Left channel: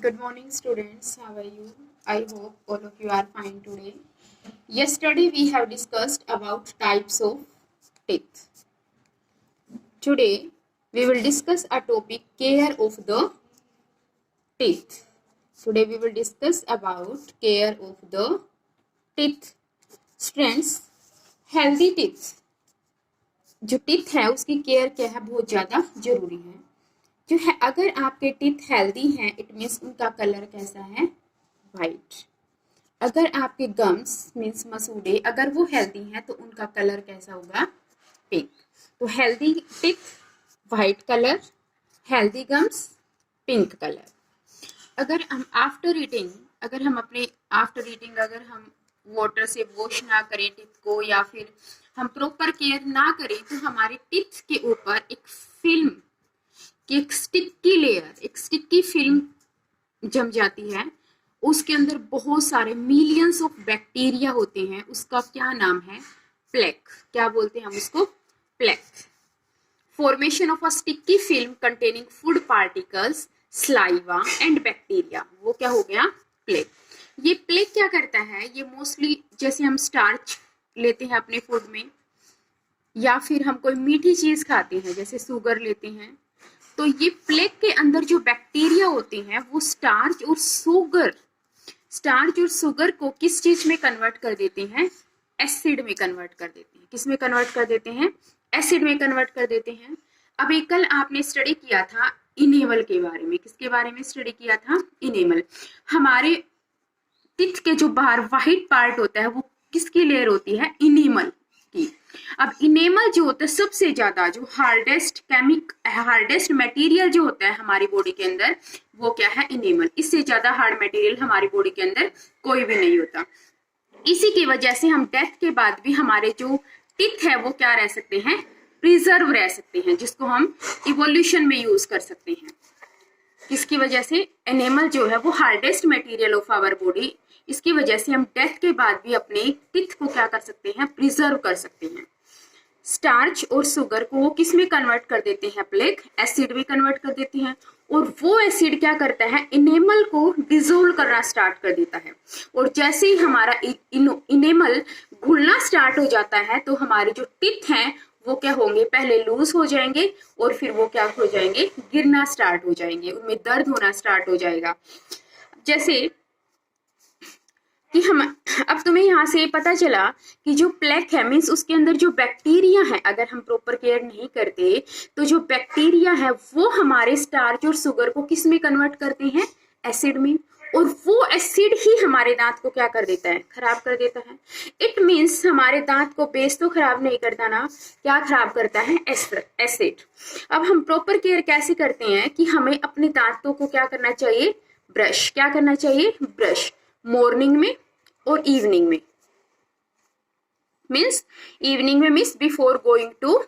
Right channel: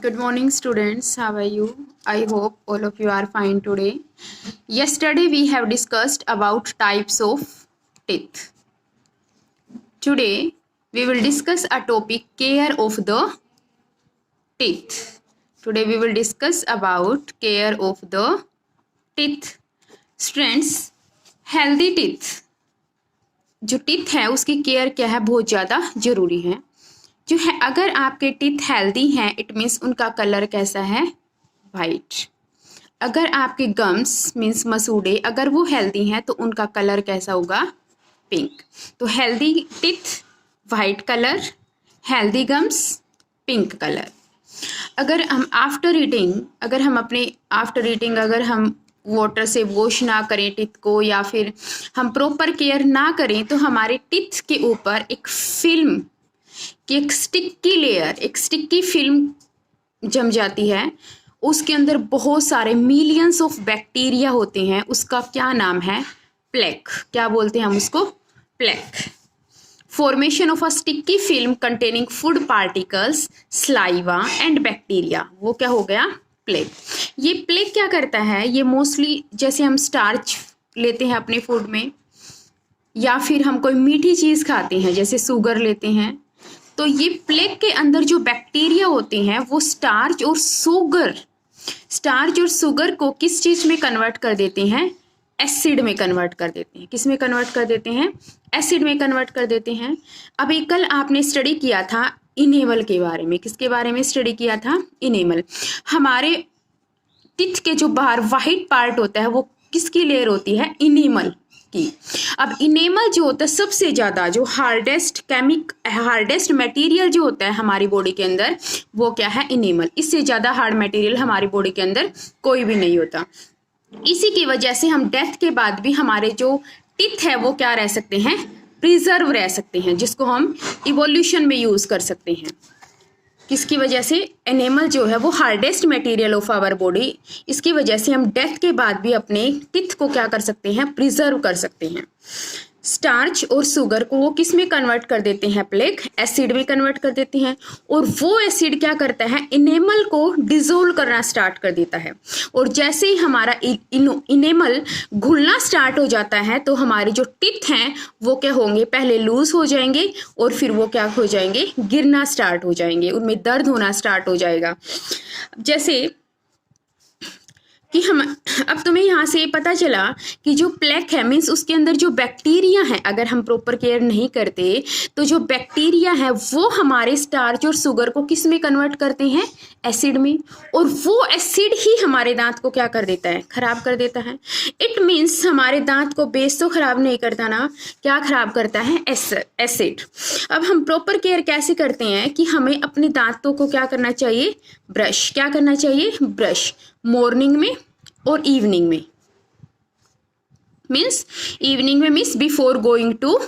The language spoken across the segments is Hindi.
Good morning, students. How are you? I hope all of you are fine today. Yesterday, we have discussed about types of teeth. Today, we will discuss a topic care of the teeth. Today, we will discuss about care of the teeth. Students, healthy teeth जो टीथ है उसकी केयर क्या है, बहुत ज़्यादा जरूरी है। जो है अगर आपके टीथ हेल्दी हैं इट मीन्स उनका कलर कैसा है, वाइट। अगर आपके गम्स मीन्स मसूड़े अगर वो हेल्दी हैं तो उनका कलर कैसा होगा, पिंक। तो healthy teeth white colour, healthy gums pink colour. अगर हम आफ्टर ईटिंग अगर हम वाटर से वॉश ना करें टीथ को या फिर हम प्रॉपर केयर ना करें तो हमारे टीथ के ऊपर एक फिल्म की एक स्टिक्की फिल्म जम जाती है। उसके अंदर बहुत सारे मिलियंस ऑफ बैक्टीरिया होते हैं। उसका क्या नाम है, प्लेक। क्या बोलते हैं हम उसको, plaque. Formation of a sticky film containing food particles, saliva and bacteria, वो क्या हो गया, प्लेक। ये प्लेक क्या करता है, ये मोस्टली जैसे हम स्टार्च लेते हैं अपने फूड में या फिर हम कोई मीठी चीज़ खाते हैं जैसे शुगर लेते हैं, तो ये प्लेक के अंदर जो बैक्टीरिया होते हैं वो स्टार्च और शुगर को किस चीज में कन्वर्ट कर देते हैं, एसिड में कन्वर्ट कर देते हैं। किस में कन्वर्ट कर देते हैं, एसिड में कन्वर्ट कर देते हैं। अभी कल आपने स्टडी किया था इनेमल के बारे में। किसके बारे में स्टडी किया था, इनेमल। हमारे टीथ के जो बाहर वाइट पार्ट होता है वो किसकी लेयर होती है, इनेमल की। अब इनेमल जो होता है सबसे ज्यादा जो हार्डेस्ट मटेरियल जो होता है हमारी बॉडी के अंदर वो क्या है, इनेमल। इससे ज्यादा हार्ड मटेरियल हमारी बॉडी के अंदर कोई भी नहीं होता। इसी की वजह से हम डेथ के बाद भी हमारे जो टीथ है वो क्या रह सकते हैं, प्रिजर्व रह सकते हैं, जिसको हम इवोल्यूशन में यूज कर सकते हैं। किसकी वजह से, एनिमल जो है वो hardest material of our body, इसकी वजह से हम डेथ के बाद भी अपने टीथ को क्या कर सकते हैं, प्रिजर्व कर सकते हैं। स्टार्च और शुगर को वो किस में कन्वर्ट कर देते हैं, प्लेक, एसिड में कन्वर्ट कर देते हैं। और वो एसिड क्या करता है, इनेमल को डिसोल्व करना स्टार्ट कर देता है। और जैसे ही हमारा इनेमल घुलना स्टार्ट हो जाता है तो हमारे जो टीथ हैं वो क्या होंगे, पहले लूज हो जाएंगे और फिर वो क्या हो जाएंगे, गिरना स्टार्ट हो जाएंगे, उनमें दर्द होना स्टार्ट हो जाएगा। जैसे कि हम अब तुम्हें यहाँ से पता चला कि जो प्लेक है मीन्स उसके अंदर जो बैक्टीरिया है, अगर हम प्रॉपर केयर नहीं करते तो जो बैक्टीरिया है वो हमारे स्टार्च और शुगर को किस में कन्वर्ट करते हैं, एसिड में। और वो एसिड ही हमारे दांत को क्या कर देता है, खराब कर देता है। इट मीन्स हमारे दांत को बेस तो खराब नहीं करता ना, क्या खराब करता है, एसिड। अब हम प्रॉपर केयर कैसे करते हैं कि हमें अपने दांतों को क्या करना चाहिए, ब्रश। क्या करना चाहिए, ब्रश, मॉर्निंग में और इवनिंग में। Means before going to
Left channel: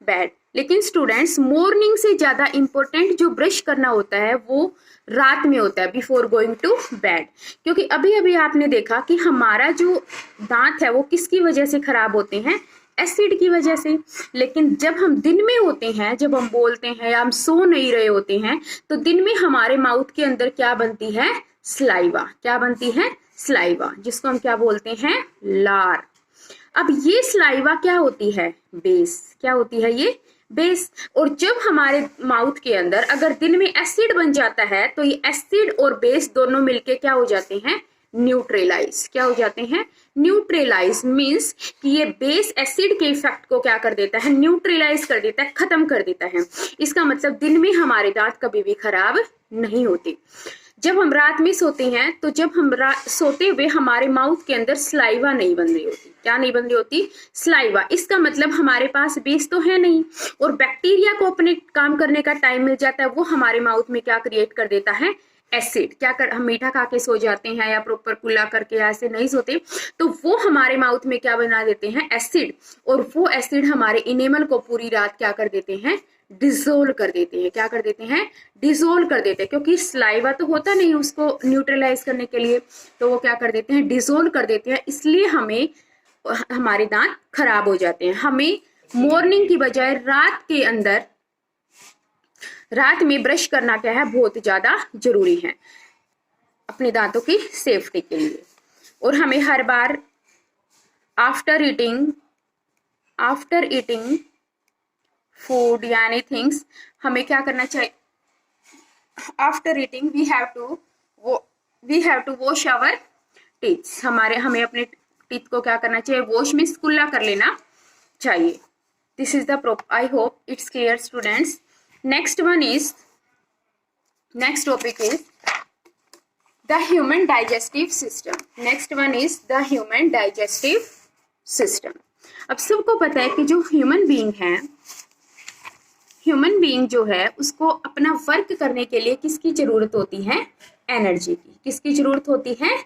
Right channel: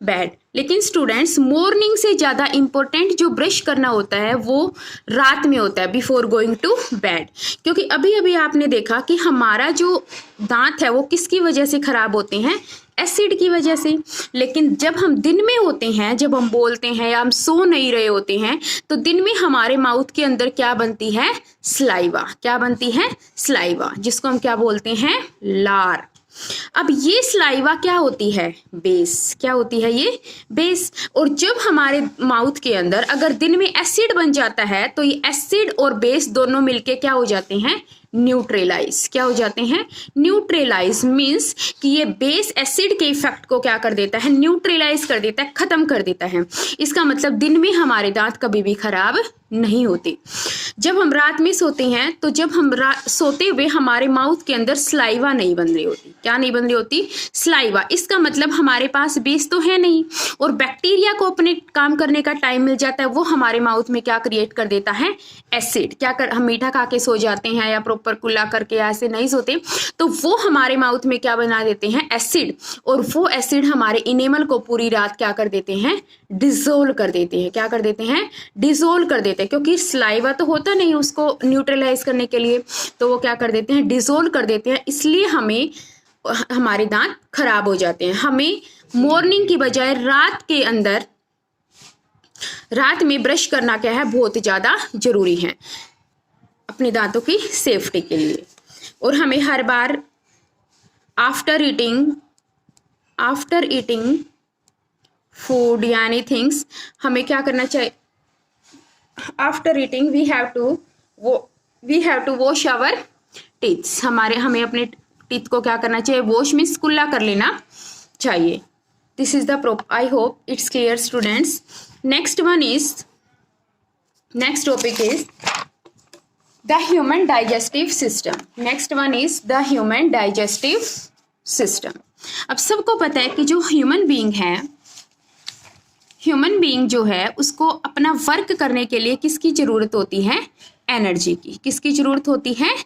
bed. लेकिन स्टूडेंट्स मॉर्निंग से ज्यादा इंपॉर्टेंट जो ब्रश करना होता है वो रात में होता है, बिफोर गोइंग टू बेड। क्योंकि अभी अभी आपने देखा कि हमारा जो दांत है वो किसकी वजह से खराब होते हैं, एसिड की वजह से। लेकिन जब हम दिन में होते हैं, जब हम बोलते हैं या हम सो नहीं रहे होते हैं तो दिन में हमारे माउथ के अंदर क्या बनती है, स्लाइवा। क्या बनती है, स्लाइवा, जिसको हम क्या बोलते हैं, लार। अब ये स्लाइवा क्या होती है, बेस। क्या होती है ये, बेस। और जब हमारे माउथ के अंदर अगर दिन में एसिड बन जाता है तो ये एसिड और बेस दोनों मिलके क्या हो जाते हैं, न्यूट्रलाइज। क्या हो जाते हैं, न्यूट्रलाइज। मीन्स कि ये बेस एसिड के इफेक्ट को क्या कर देता है, न्यूट्रलाइज कर देता है, खत्म कर देता है। इसका मतलब दिन में हमारे दांत कभी भी खराब नहीं होते। जब हम रात में सोते हैं तो जब हम सोते हुए हमारे माउथ के अंदर स्लाइवा नहीं बन रही होती। क्या नहीं बन रही होती, स्लाइवा। इसका मतलब हमारे पास बेस तो है नहीं और बैक्टीरिया को अपने काम करने का टाइम मिल जाता है, वो हमारे माउथ में क्या क्रिएट कर देता है, एसिड। हम मीठा खा के सो जाते हैं या प्रॉपर कुल्ला करके ऐसे नहीं सोते तो वो हमारे माउथ में क्या बना देते हैं, एसिड। और वो एसिड हमारे इनेमल को पूरी रात क्या कर देते हैं, डिसोल्व कर देते हैं। क्या कर देते हैं, डिसोल्व कर देते हैं। क्योंकि स्लाइवा तो होता नहीं उसको न्यूट्रलाइज करने के लिए, तो वो क्या कर देते हैं, डिसोल्व कर देते हैं। इसलिए हमारे दांत खराब हो जाते हैं। हमें मॉर्निंग की बजाय रात में ब्रश करना क्या है, बहुत ज़्यादा जरूरी है अपने दांतों की सेफ्टी के लिए। और हमें हर बार आफ्टर ईटिंग फूड या एनी थिंग्स हमें क्या करना चाहिए, after eating we have to wash our teeths. हमें अपने टीथ को क्या करना चाहिए, वॉश मीन्स कुल्ला कर लेना चाहिए। This is the I hope it's clear students. Next topic is the human digestive system. Next one is the human digestive system. अब सबको पता है कि जो ह्यूमन बीइंग जो है उसको अपना वर्क करने के लिए किसकी जरूरत होती है, एनर्जी की। किसकी जरूरत होती है,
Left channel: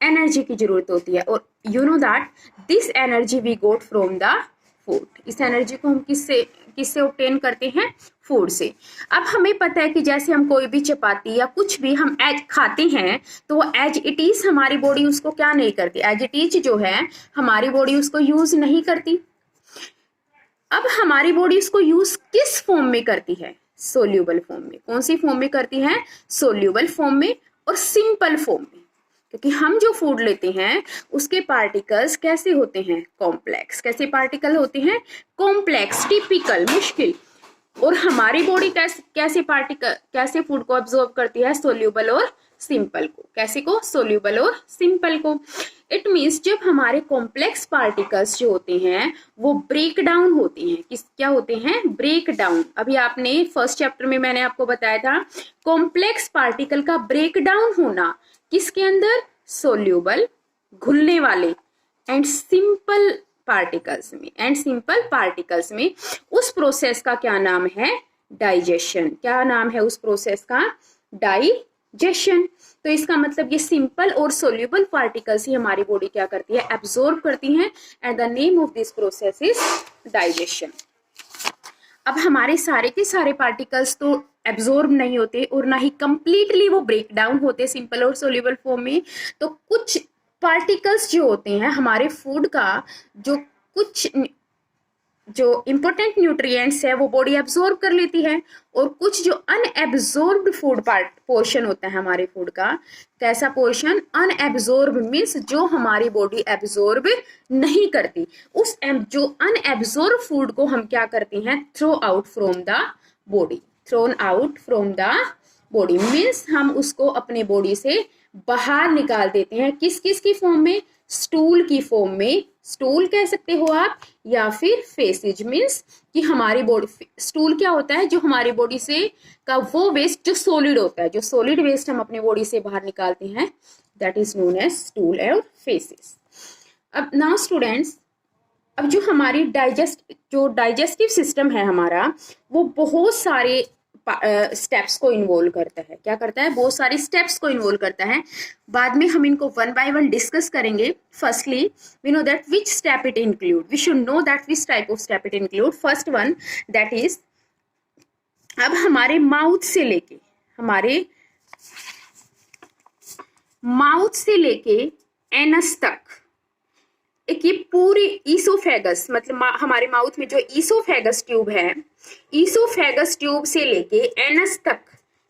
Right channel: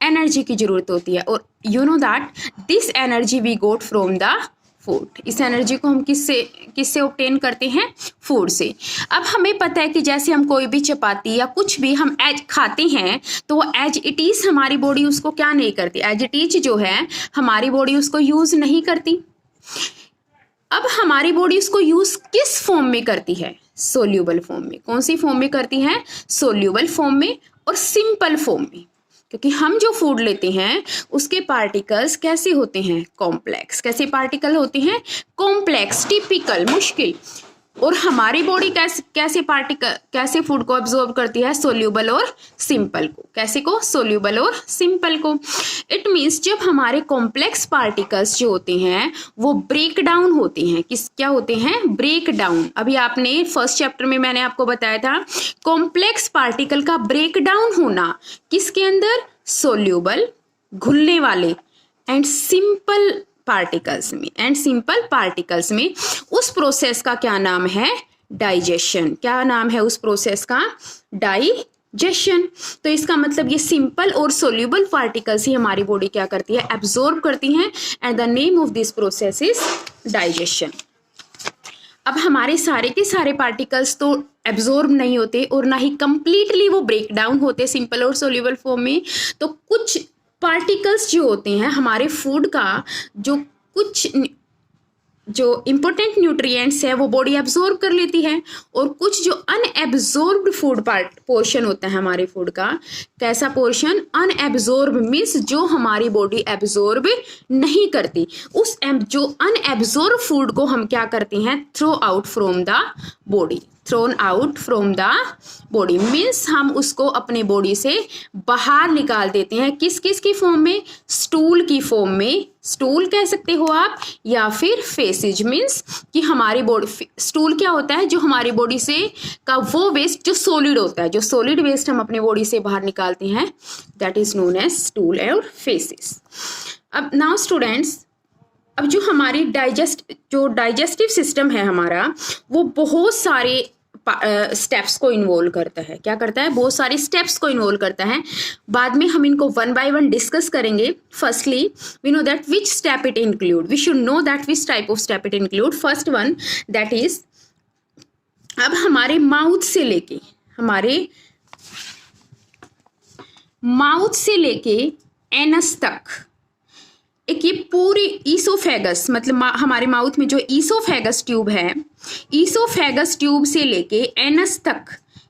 एनर्जी की जरूरत होती है। और you know that this energy we got from the food. इस एनर्जी को हम किससे ऑब्टेन करते हैं, फूड से। अब हमें पता है कि जैसे हम कोई भी चपाती या कुछ भी हम एज खाते हैं तो एज इट इज हमारी बॉडी उसको क्या नहीं करती, एज इट इज जो है हमारी बॉडी उसको यूज नहीं करती। अब हमारी बॉडी उसको यूज किस फॉर्म में करती है, सोल्यूबल फॉर्म में। कौन सी फॉर्म में करती है, सोल्यूबल फॉर्म में और सिंपल फॉर्म में। क्योंकि हम जो फूड लेते हैं उसके पार्टिकल्स कैसे होते हैं, कॉम्प्लेक्स। कैसे पार्टिकल होते हैं, कॉम्प्लेक्स, टिपिकल, मुश्किल। और हमारी बॉडी कैसे फूड को अब्जॉर्ब करती है, सोल्यूबल और सिंपल को। कैसे को, सोल्यूबल और सिंपल को। इट मीन्स जब हमारे कॉम्प्लेक्स पार्टिकल्स जो होते हैं वो ब्रेक डाउन होते हैं, क्या होते हैं, ब्रेक डाउन। अभी आपने फर्स्ट चैप्टर में मैंने आपको बताया था कॉम्प्लेक्स पार्टिकल का ब्रेक डाउन होना किसके अंदर, सोल्यूबल, घुलने वाले, एंड सिंपल पार्टिकल्स में। उस प्रोसेस का क्या नाम है, डाइजेशन। क्या नाम है उस प्रोसेस का, डाइजेशन। तो इसका मतलब ये सिंपल और सोल्यूबल पार्टिकल्स ही हमारी बॉडी क्या करती है, एब्जॉर्ब करती हैं, and the name of this process is digestion. अब हमारे सारे के सारे पार्टिकल्स तो एब्जॉर्ब नहीं होते और ना ही कंप्लीटली वो ब्रेक डाउन होते सिंपल और सोल्यूबल फॉर्म में। तो कुछ पार्टिकल्स जो होते हैं हमारे फूड का, जो इम्पोर्टेंट न्यूट्रिएंट्स है वो बॉडी एब्जॉर्ब कर लेती है, और कुछ जो अनएब्जॉर्ब्ड फूड पोर्शन होता है हमारे फूड का, कैसा पोर्शन, अनएब्जॉर्ब मीन्स जो हमारी बॉडी एब्जॉर्ब नहीं करती। उस जो अनएब्जॉर्ब फूड को हम क्या करते हैं, thrown out from the body means हम उसको अपने बॉडी से बाहर निकाल देते हैं। किस की फॉर्म में, स्टूल की फॉर्म में, स्टूल कह सकते हो आप, या फिर फेसेज मीन्स कि हमारी बॉडी, स्टूल क्या होता है, जो हमारी बॉडी से का वो वेस्ट जो सॉलिड होता है, जो सॉलिड वेस्ट हम अपनी बॉडी से बाहर निकालते हैं, that is known as stool और फेसेस। अब नाउ स्टूडेंट्स, अब जो हमारी डाइजेस्टिव सिस्टम है हमारा, वो बहुत सारे स्टेप्स को इन्वॉल्व करता है। क्या करता है, बहुत सारे स्टेप्स को इन्वॉल्व करता है। बाद में हम इनको वन बाय वन डिस्कस करेंगे। Firstly we know that which step it include, we should know that which type of step it include. First one that is, अब हमारे माउथ से लेके एनस तक एक ये पूरी ईसोफेगस, मतलब हमारे माउथ में जो ईसोफेगस ट्यूब है, ईसोफेगस ट्यूब से लेके एनस तक,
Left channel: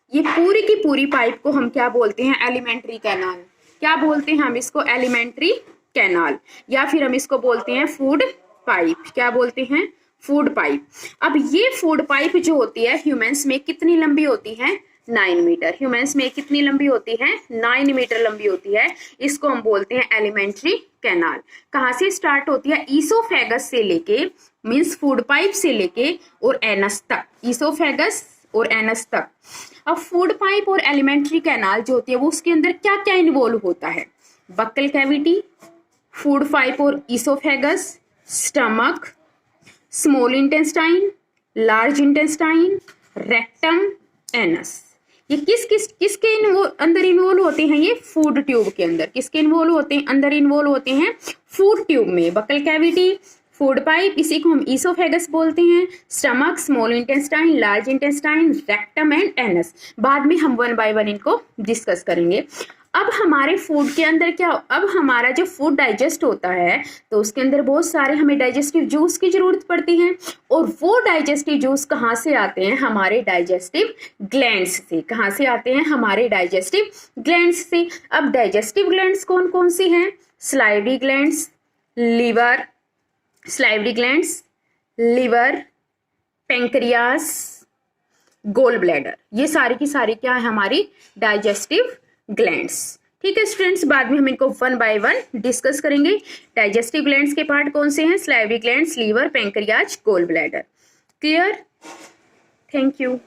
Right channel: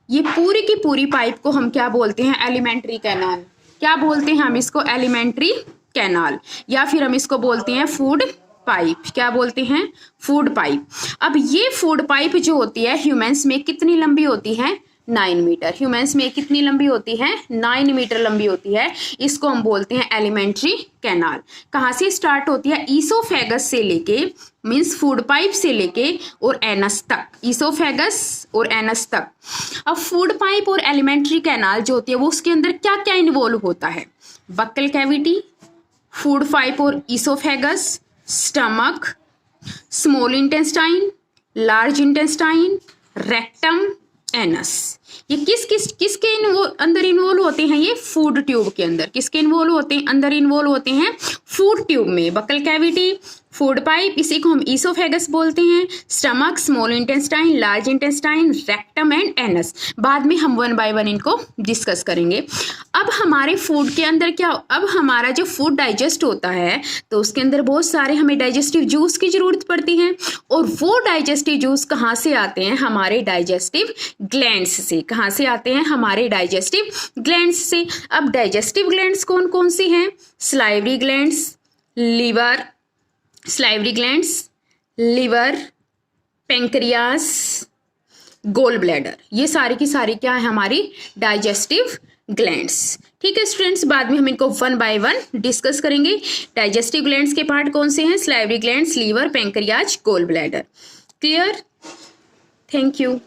ये पूरी की पूरी पाइप को हम क्या बोलते हैं, एलिमेंट्री कैनाल। क्या बोलते हैं हम इसको, एलिमेंट्री कैनाल, या फिर हम इसको बोलते हैं फूड पाइप। क्या बोलते हैं, फूड पाइप। अब ये फूड पाइप जो होती है ह्यूमंस में कितनी लंबी होती है, 9 मीटर। ह्यूमंस में कितनी लंबी होती है, 9 मीटर लंबी होती है। इसको हम बोलते हैं एलिमेंट्री कैनाल। कहाँ से स्टार्ट होती है, ईसोफेगस से लेके, मीन्स फूड पाइप से लेके और एनस तक, ईसोफेगस और एनस तक। अब फूड पाइप और एलिमेंट्री कैनाल जो होती है वो उसके अंदर क्या क्या इन्वॉल्व होता है, बक्कल कैविटी, फूड पाइप और oesophagus, stomach, small intestine, large intestine, rectum, anus. ये किसके अंदर इन्वॉल्व होते हैं, ये फूड ट्यूब के अंदर। किसके इन्वॉल्व होते हैं, अंदर इन्वॉल्व होते हैं फूड ट्यूब में, बक्कल कैविटी, फूड पाइप, इसी को हम ईसोफेगस बोलते हैं। Stomach, small intestine, large intestine, rectum and anus. बाद में हम वन बाय वन इनको डिस्कस करेंगे। अब हमारे फूड के अंदर क्या, अब हमारा जो फूड डाइजेस्ट होता है तो उसके अंदर बहुत सारे हमें डाइजेस्टिव जूस की जरूरत पड़ती है, और वो डाइजेस्टिव जूस कहाँ से आते हैं, हमारे डाइजेस्टिव ग्लैंड्स से। कहाँ से आते हैं, हमारे डाइजेस्टिव ग्लैंड्स से। अब डाइजेस्टिव ग्लैंड्स कौन कौन सी हैं, salivary glands, liver, salivary glands, liver, pancreas, gall bladder, ये सारी की सारी क्या है, हमारी डाइजेस्टिव ग्लैंड्स। ठीक है स्टूडेंट्स, बाद में हम इनको वन बाय वन डिस्कस करेंगे। डाइजेस्टिव ग्लैंड्स के पार्ट कौन से हैं, salivary glands, liver, pancreas, gall bladder. Clear? Thank you.